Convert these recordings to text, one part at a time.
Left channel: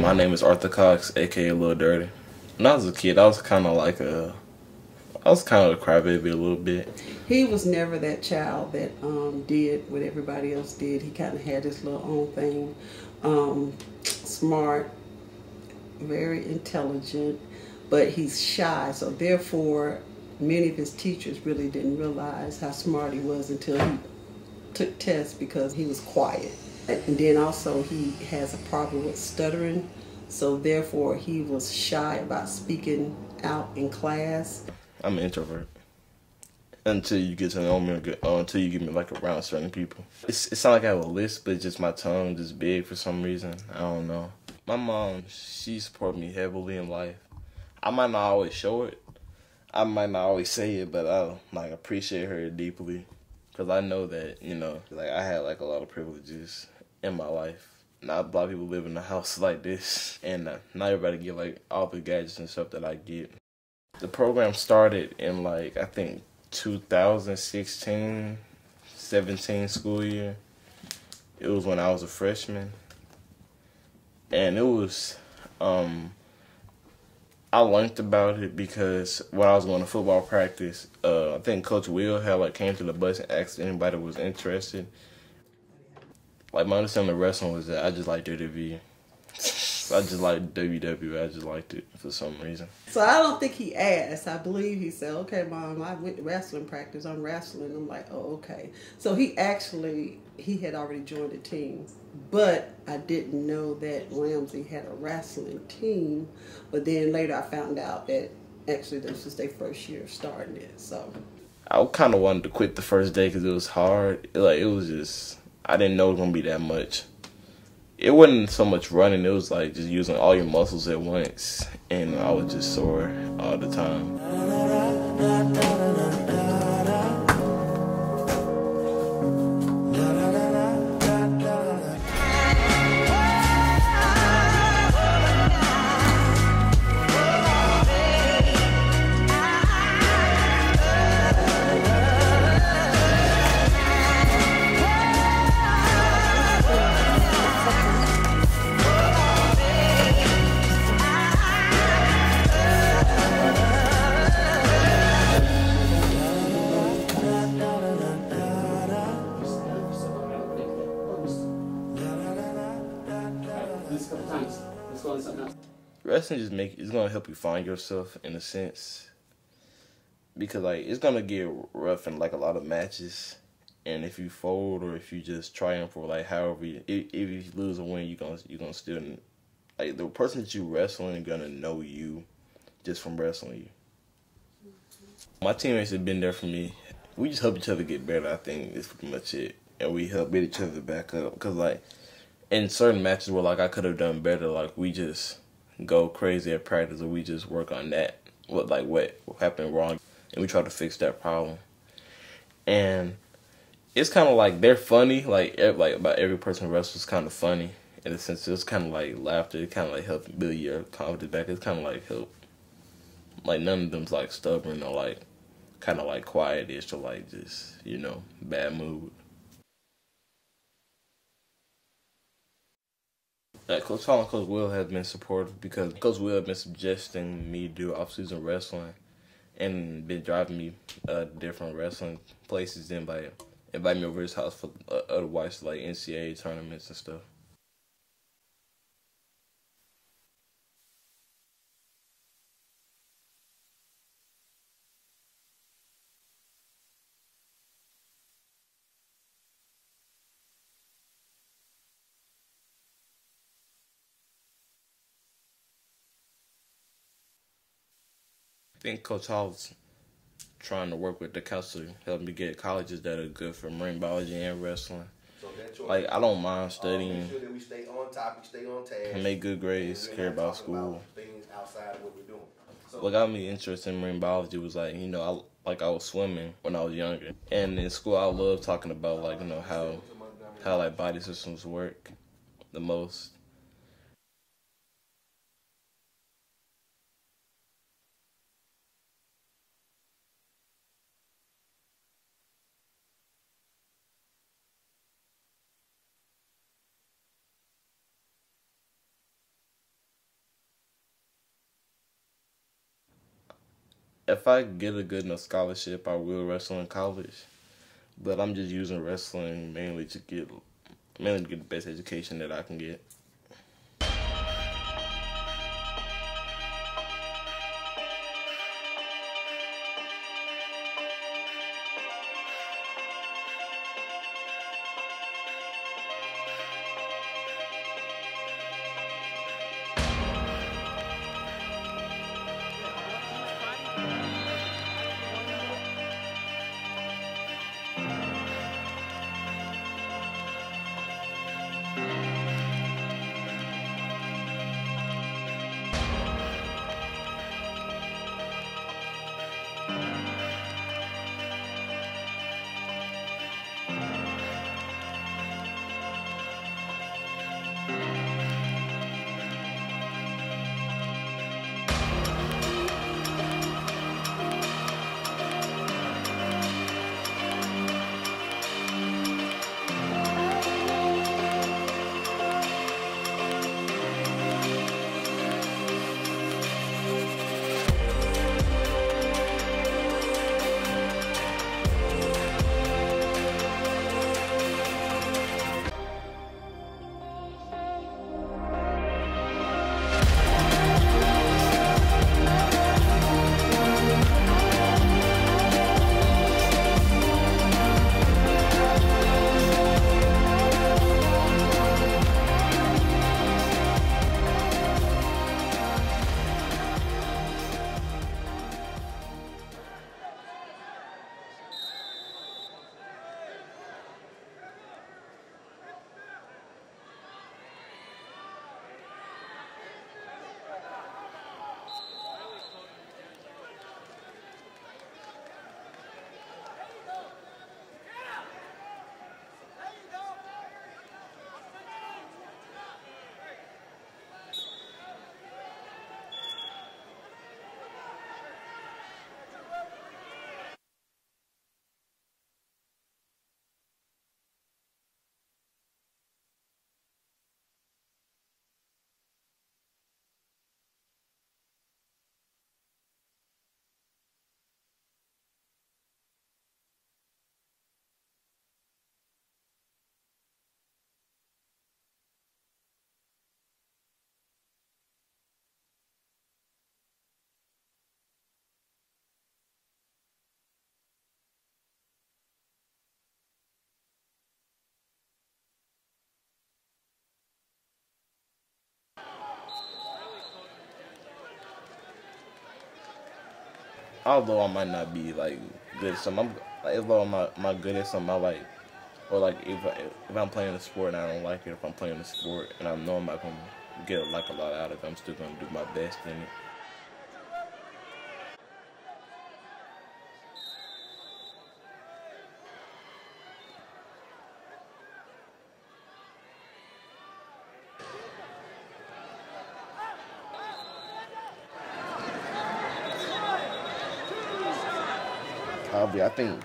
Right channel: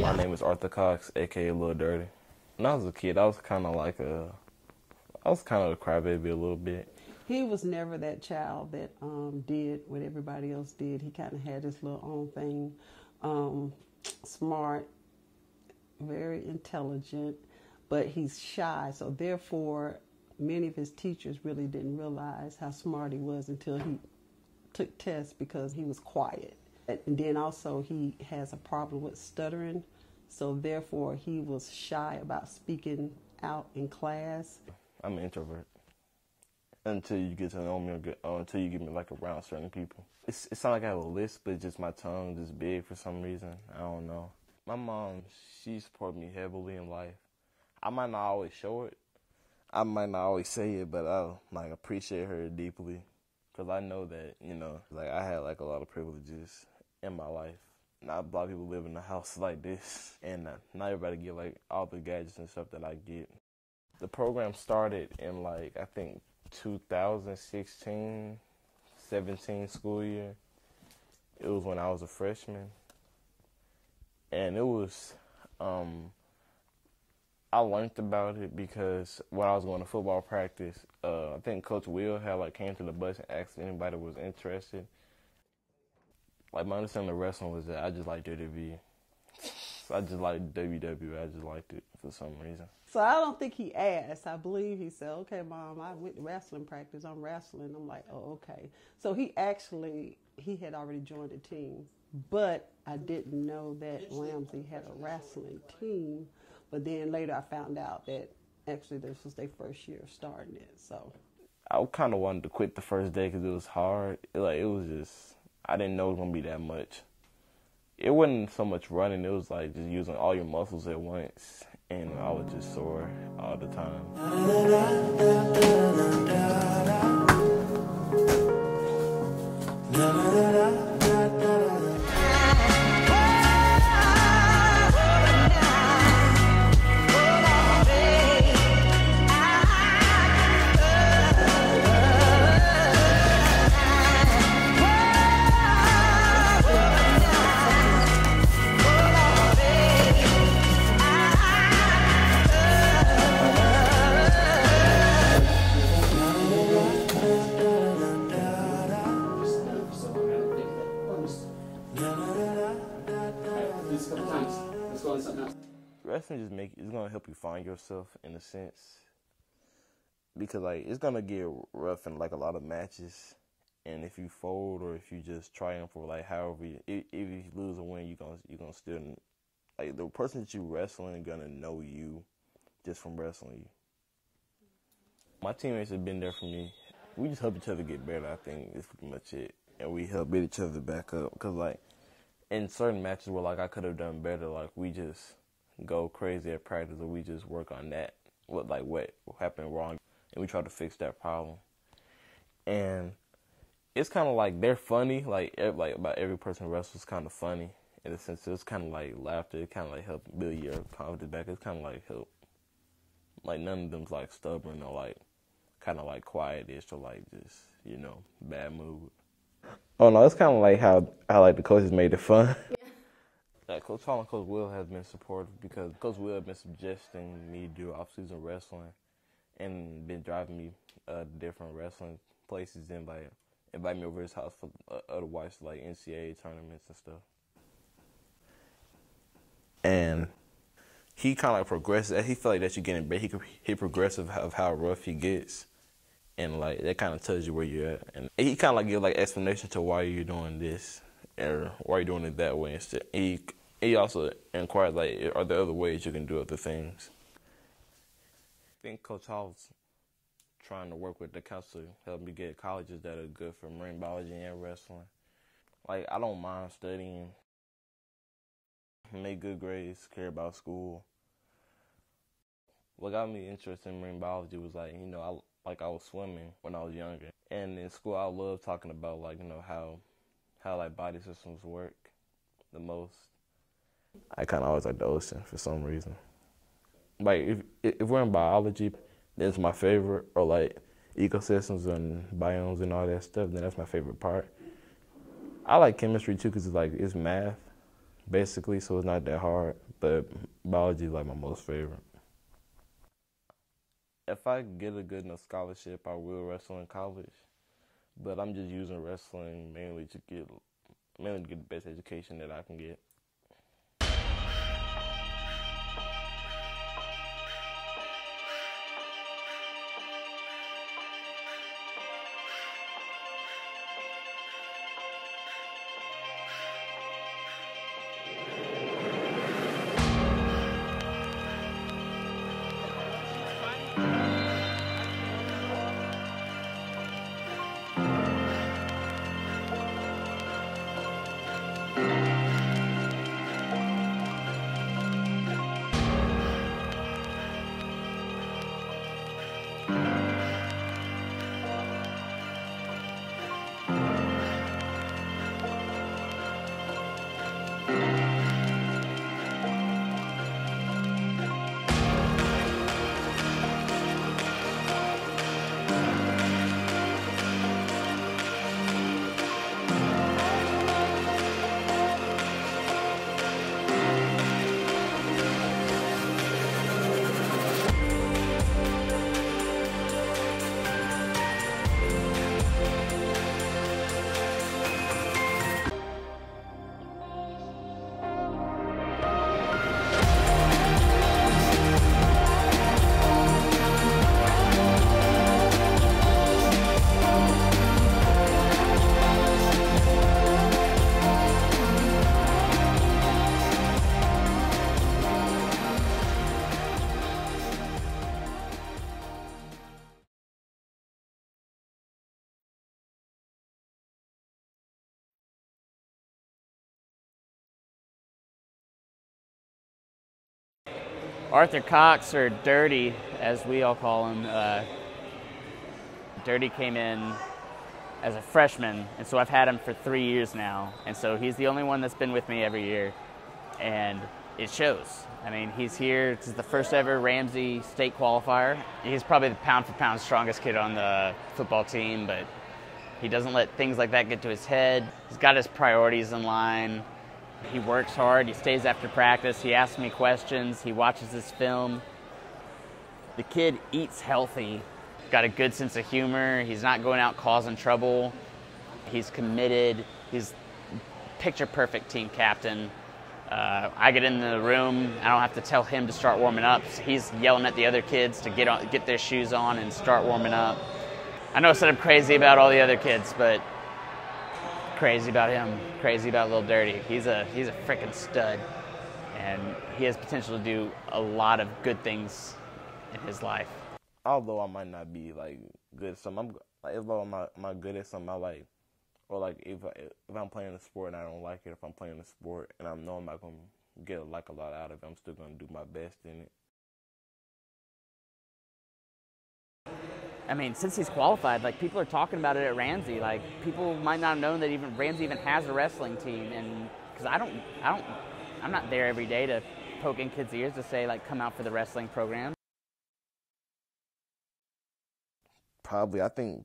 My name is Arthur Cox, aka Lil Dirty. When I was a kid, I was kind of a crybaby a little bit. He was never that child that did what everybody else did. He kind of had his little own thing. Smart, very intelligent, but he's shy. So therefore, many of his teachers really didn't realize how smart he was until he took tests because he was quiet. And then also he has a problem with stuttering, so therefore he was shy about speaking out in class. I'm an introvert until you get to know me, until you get me like around certain people. It's not like I have a list, but it's just my tongue just big for some reason. I don't know. My mom, she supported me heavily in life. I might not always show it. I might not always say it, but I appreciate her deeply. Because I know that, I had a lot of privileges in my life. Not a lot of people live in a house like this, and not everybody get all the gadgets and stuff that I get. The program started in I think 2016, 17 school year. It was when I was a freshman, and it was I learned about it because when I was going to football practice, I think Coach Will had came to the bus and asked anybody was interested. My understanding of wrestling was that I just like WWE. I just like WWE. I just liked it for some reason. So I don't think he asked. I believe he said, "Okay, Mom, I went to wrestling practice. I'm wrestling." I'm like, "Oh, okay." So he had already joined the team. But I didn't know that Ramsey had a wrestling team. But then later I found out that actually this was their first year starting it. So I kind of wanted to quit the first day because it was hard. It was just, I didn't know it was going to be that much. It wasn't so much running. It was just using all your muscles at once. And I was just sore all the time. Wrestling it's gonna help you find yourself in a sense, because it's gonna get rough in a lot of matches, and if you fold or if you just triumph or however if you lose or win, you gonna still the person that you wrestling is gonna know you just from wrestling you. My teammates have been there for me. We just help each other get better. I think that's pretty much it, and we help beat each other back up. Because in certain matches where I could have done better, we just go crazy at practice, or we just work on that, what happened wrong, and we try to fix that problem. And it's kind of they're funny, about every person who wrestles is kind of funny in a sense. It's kind of laughter. It kind of help build your confidence back. It's kind of help. None of them's stubborn or kind of quiet-ish or just bad mood. Oh no, it's kind of how the coaches made it fun. Coach Hall and Coach Will have been supportive because Coach Will have been suggesting me do off-season wrestling and been driving me different wrestling places, then invite me over his house for otherwise NCAA tournaments and stuff. And he kind of progresses. He felt that you're getting better. He progressive of how rough he gets, and that kind of tells you where you're at. And he kind of give explanation to why you're doing this or why you're doing it that way instead. He also inquired, are there other ways you can do other things? I think Coach Hall's trying to work with the council, help me get colleges that are good for marine biology and wrestling. So that's your Like, I don't mind studying, make sure that we stay on topic, stay on task, make good grades, care about school. Things outside of what we're doing. So, What got me interested in marine biology was like, I was swimming when I was younger, and in school I loved talking about like, how like body systems work the most. I kind of always like the ocean for some reason. Like if we're in biology, that's my favorite, or like ecosystems and biomes and all that stuff, then that's my favorite part. I like chemistry too because it's math, basically, so it's not that hard. But biology is like my most favorite. If I get a good enough scholarship, I will wrestle in college. But I'm just using wrestling mainly to get the best education that I can get. Arthur Cox, or Dirty, as we all call him, Dirty came in as a freshman, and so I've had him for 3 years now, and so he's the only one that's been with me every year, and it shows. I mean, he's here. This is the first ever Ramsey state qualifier. He's probably the pound-for-pound strongest kid on the football team, but he doesn't let things like that get to his head. He's got his priorities in line. He works hard, he stays after practice, he asks me questions, he watches his film. The kid eats healthy, got a good sense of humor, he's not going out causing trouble, he's committed, he's picture-perfect team captain. I get in the room, I don't have to tell him to start warming up. He's yelling at the other kids to get their shoes on and start warming up. I know I said I'm crazy about all the other kids, but crazy about him, crazy about Lil Dirty. He's a freaking stud, and he has potential to do a lot of good things in his life. Although I might not be like good at something, although I'm not good at something, I like, or like if I'm playing a sport and I don't like it, if I'm playing a sport and I know I'm not gonna get a lot out of it, I'm still gonna do my best in it. I mean, since he's qualified, like, people are talking about it at Ramsey. Like, people might not know that even Ramsey even has a wrestling team, and because I'm not there every day to poke in kids' ears to say, like, come out for the wrestling program. Probably, I think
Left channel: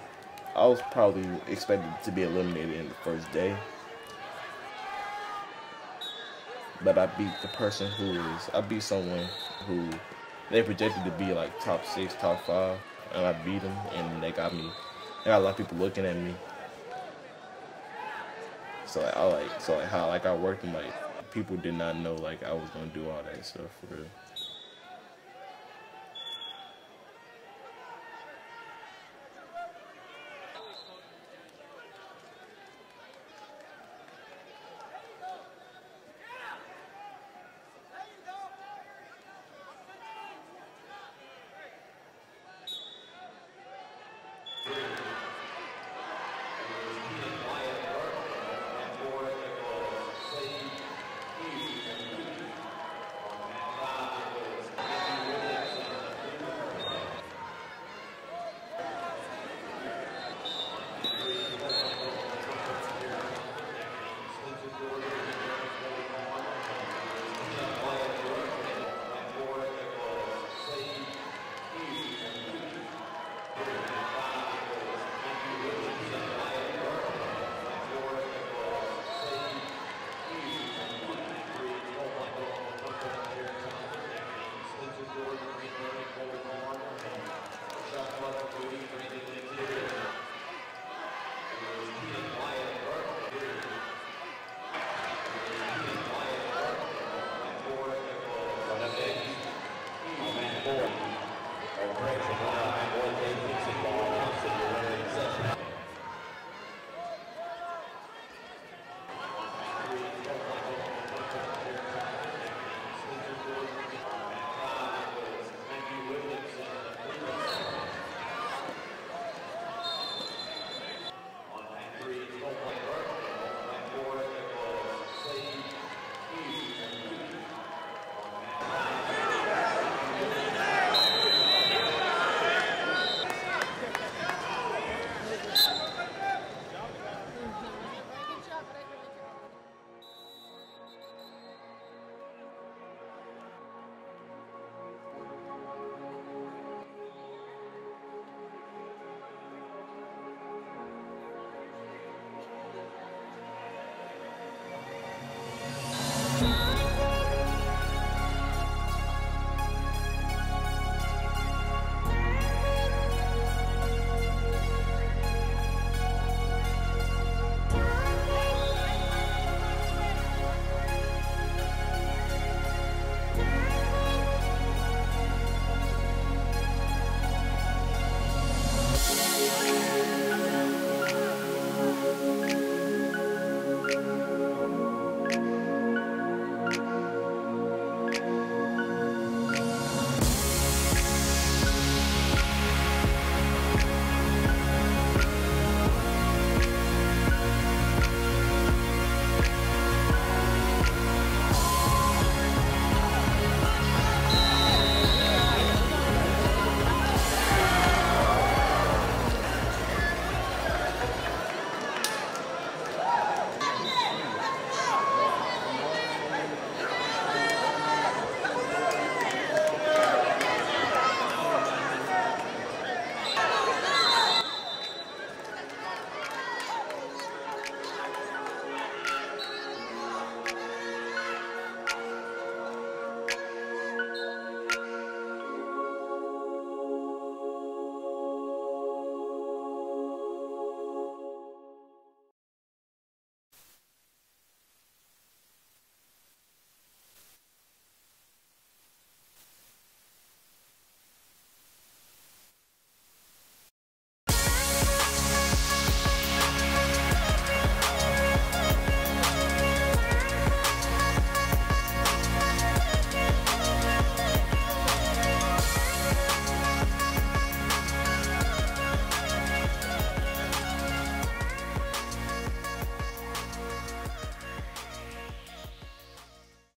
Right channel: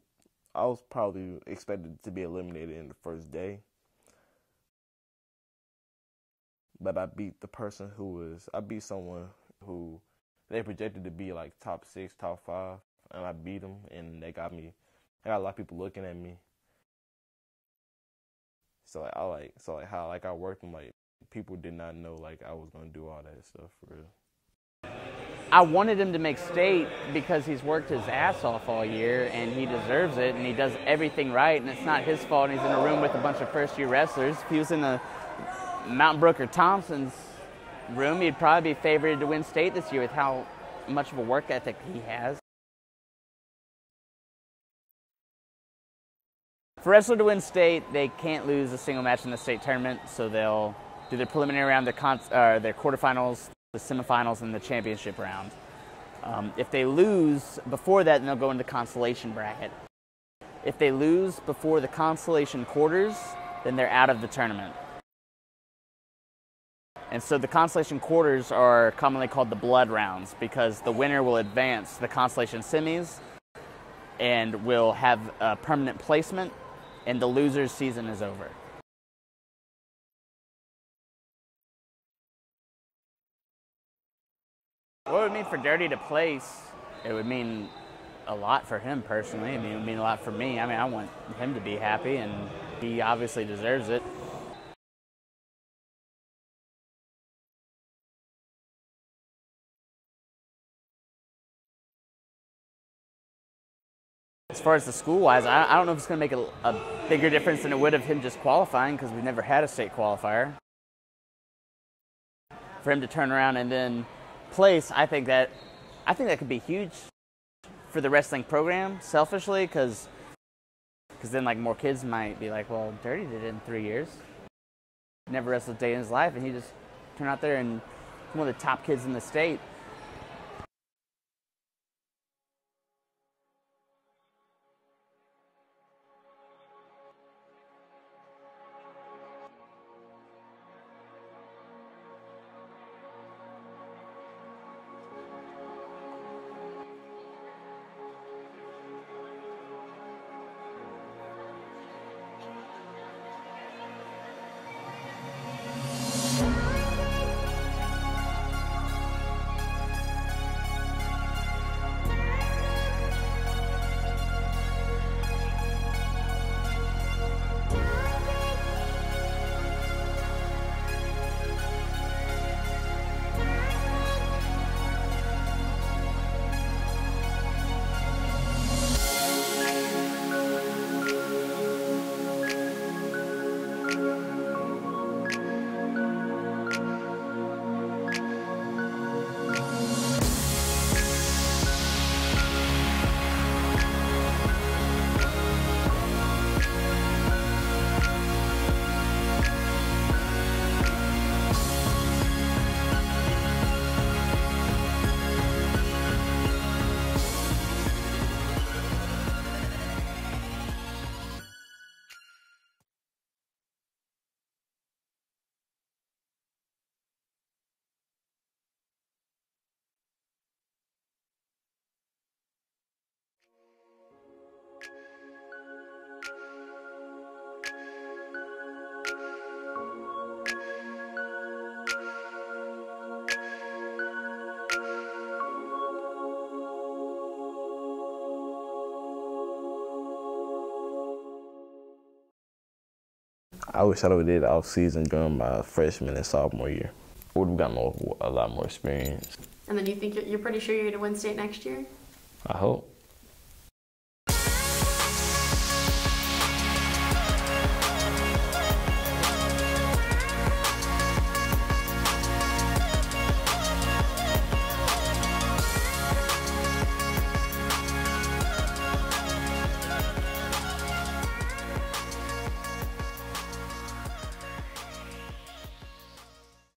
I was probably expected to be eliminated in the first day, but I beat someone who they projected to be like top 6, top 5. And I beat them, and they got a lot of people looking at me. So how I worked, and like people did not know like I was gonna do all that stuff for real. I wanted him to make state because he's worked his ass off all year, and he deserves it, and he does everything right, and it's not his fault. He's in a room with a bunch of first-year wrestlers. If he was in the Mountain Brook or Thompson's room, he'd probably be favored to win state this year with how much of a work ethic he has. For wrestler to win state, they can't lose a single match in the state tournament, so they'll do their preliminary round, their quarterfinals, the semifinals, and the championship round. If they lose before that, then they'll go into consolation bracket. If they lose before the consolation quarters, then they're out of the tournament. And so the consolation quarters are commonly called the blood rounds because the winner will advance the consolation semis and will have a permanent placement, and the loser's season is over. What it would mean for Dirty to place, it would mean a lot for him personally. It would mean a lot for me. I mean, I want him to be happy, and he obviously deserves it. As far as the school-wise, I don't know if it's going to make a bigger difference than it would of him just qualifying, because we've never had a state qualifier. For him to turn around and then place, I think that could be huge for the wrestling program, selfishly, because then like more kids might be like, well, Dirty did it in 3 years. Never wrestled a day in his life, and he just turned out there and one of the top kids in the state. I wish I would have did off season during my freshman and sophomore year. I would have gotten a lot more experience. And then you think you're pretty sure you're going to win state next year? I hope.